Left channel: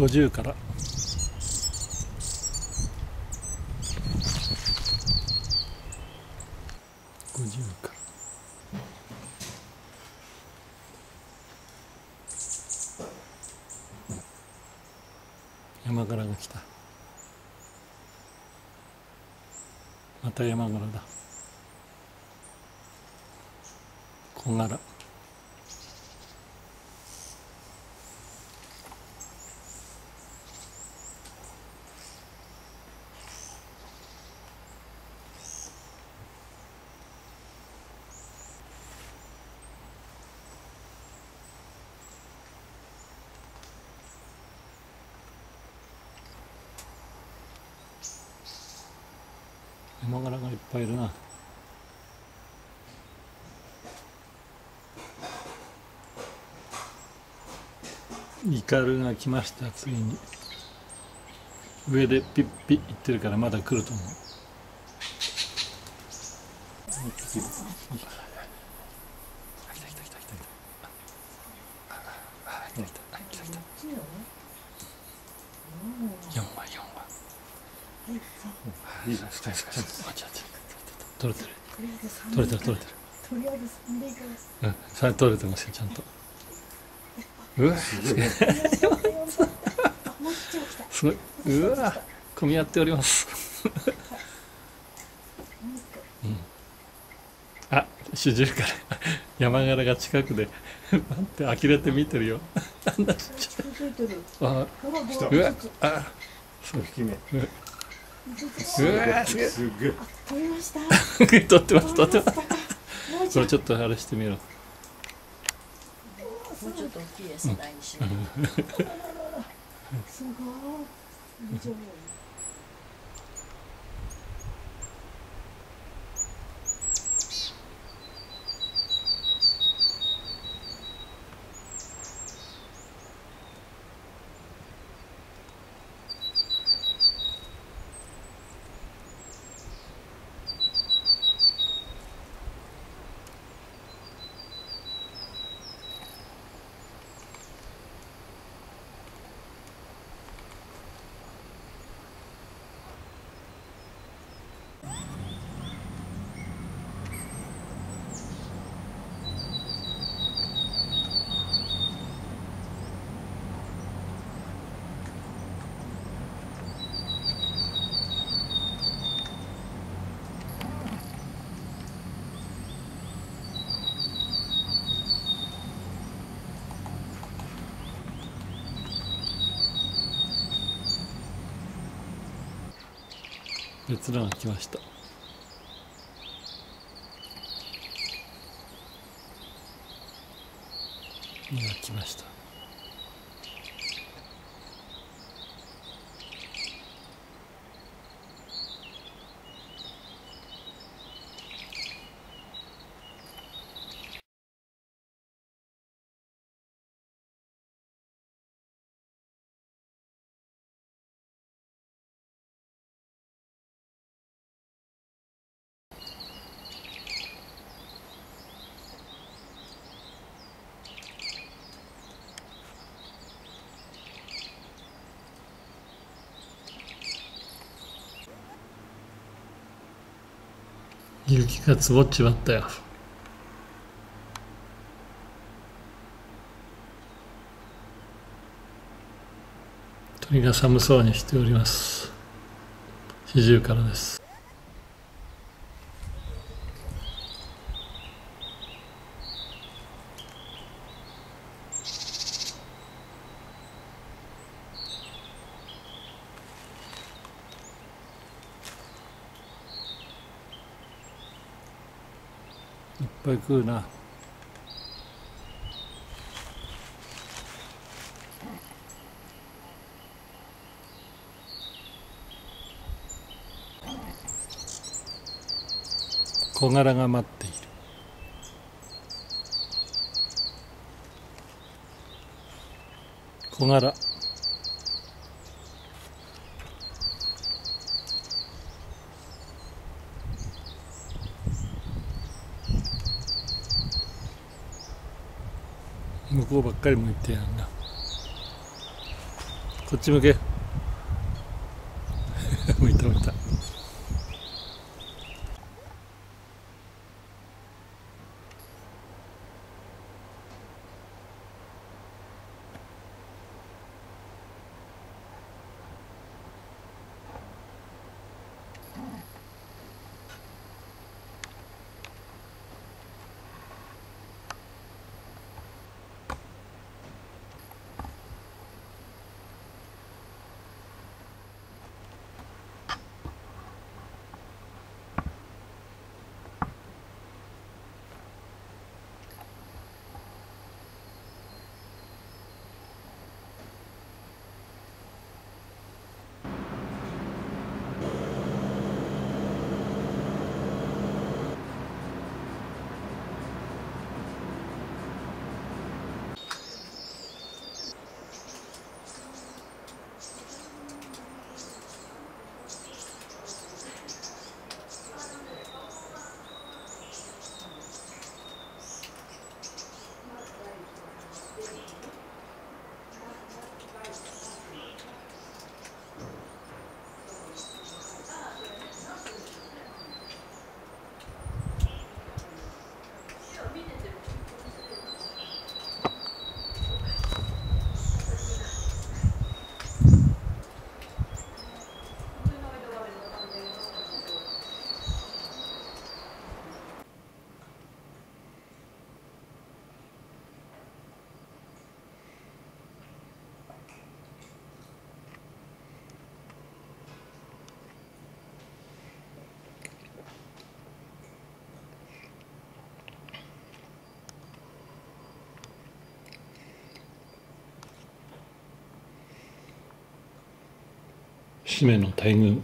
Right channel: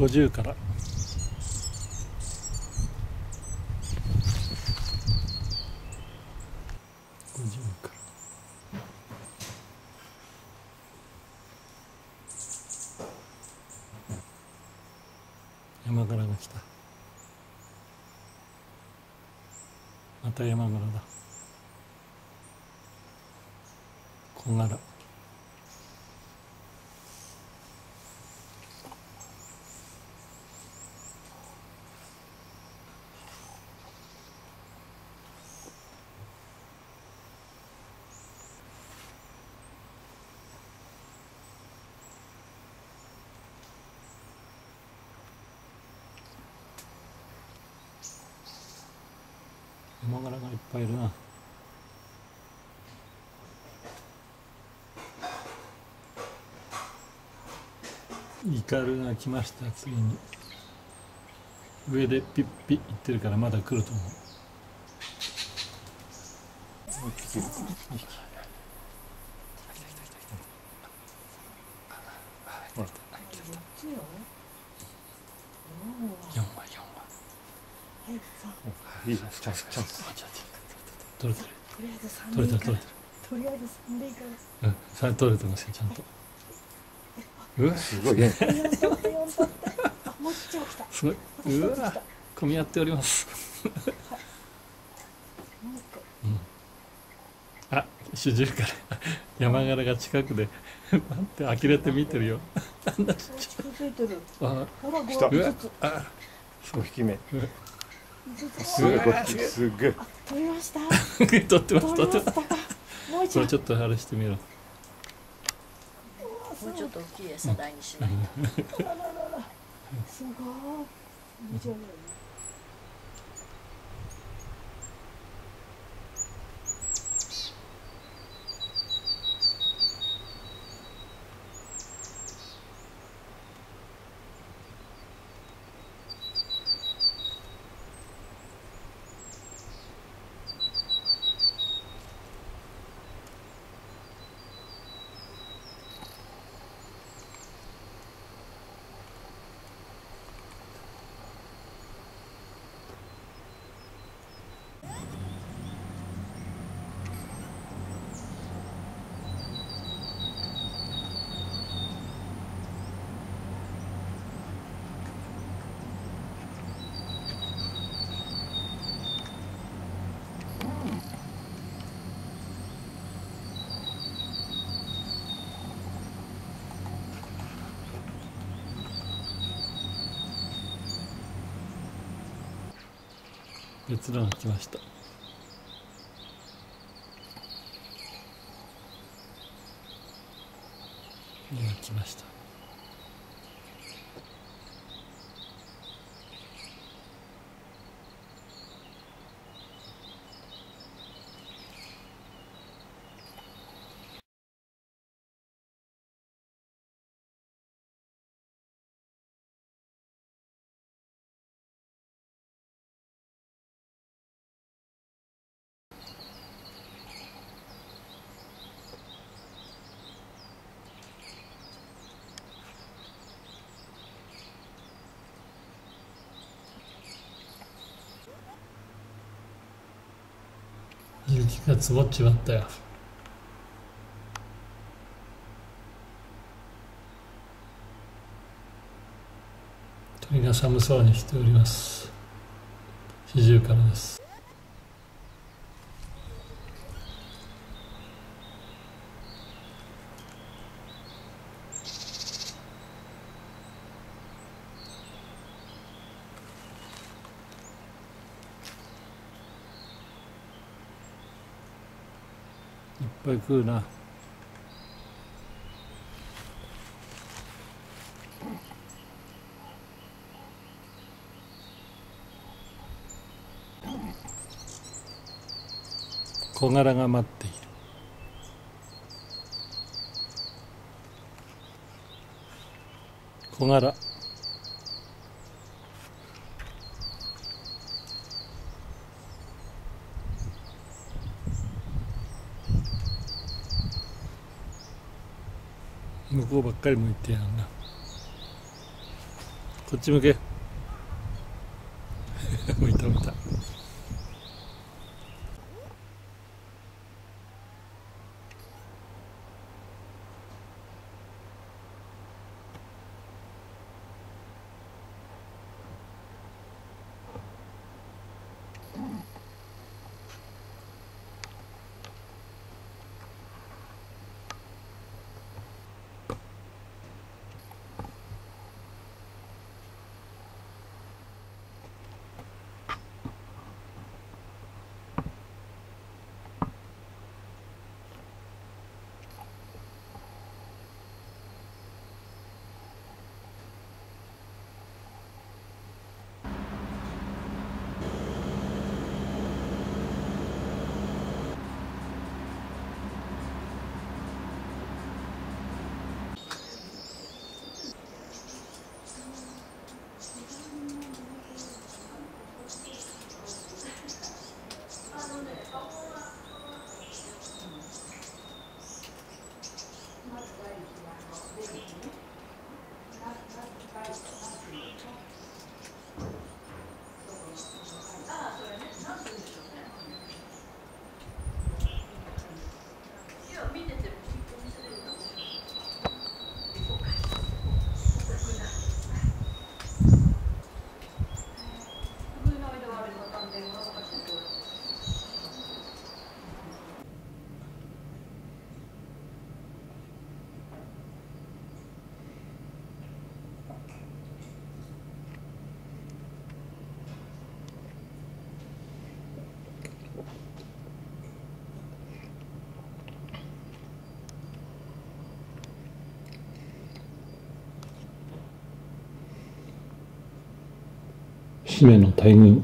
50から。50から。山柄が来た。また山柄だ。小柄。山柄がいっぱいいるな。イカルが来ました。次に上でピッピッ言ってるからまだ来ると思う。4羽いいです。取れてる。取れてる。とりあえず3でいいから。うん、それ取れてますよちゃんと。うわ、すごい。すごい。うわ、混み合っております。うん。あ、主従から山柄が近くで待って呆れて見てるよ。なんだちっちゃい。あ、うわ、あ、5匹目。すごい。すごい。取りました。取ってます。取ってます。これちょっとあれしてみろ。もうちょっと大きい餌台にしない。すごい。以上だよね。別のが来ました。2が来ました。雪が積もっちまったよ。鳥が寒そうにしております。四十からです。いっぱい食うな。小柄が待っている。小柄。向こうばっかり向いてやんな。こっち向け向いた向いた。締めの大群。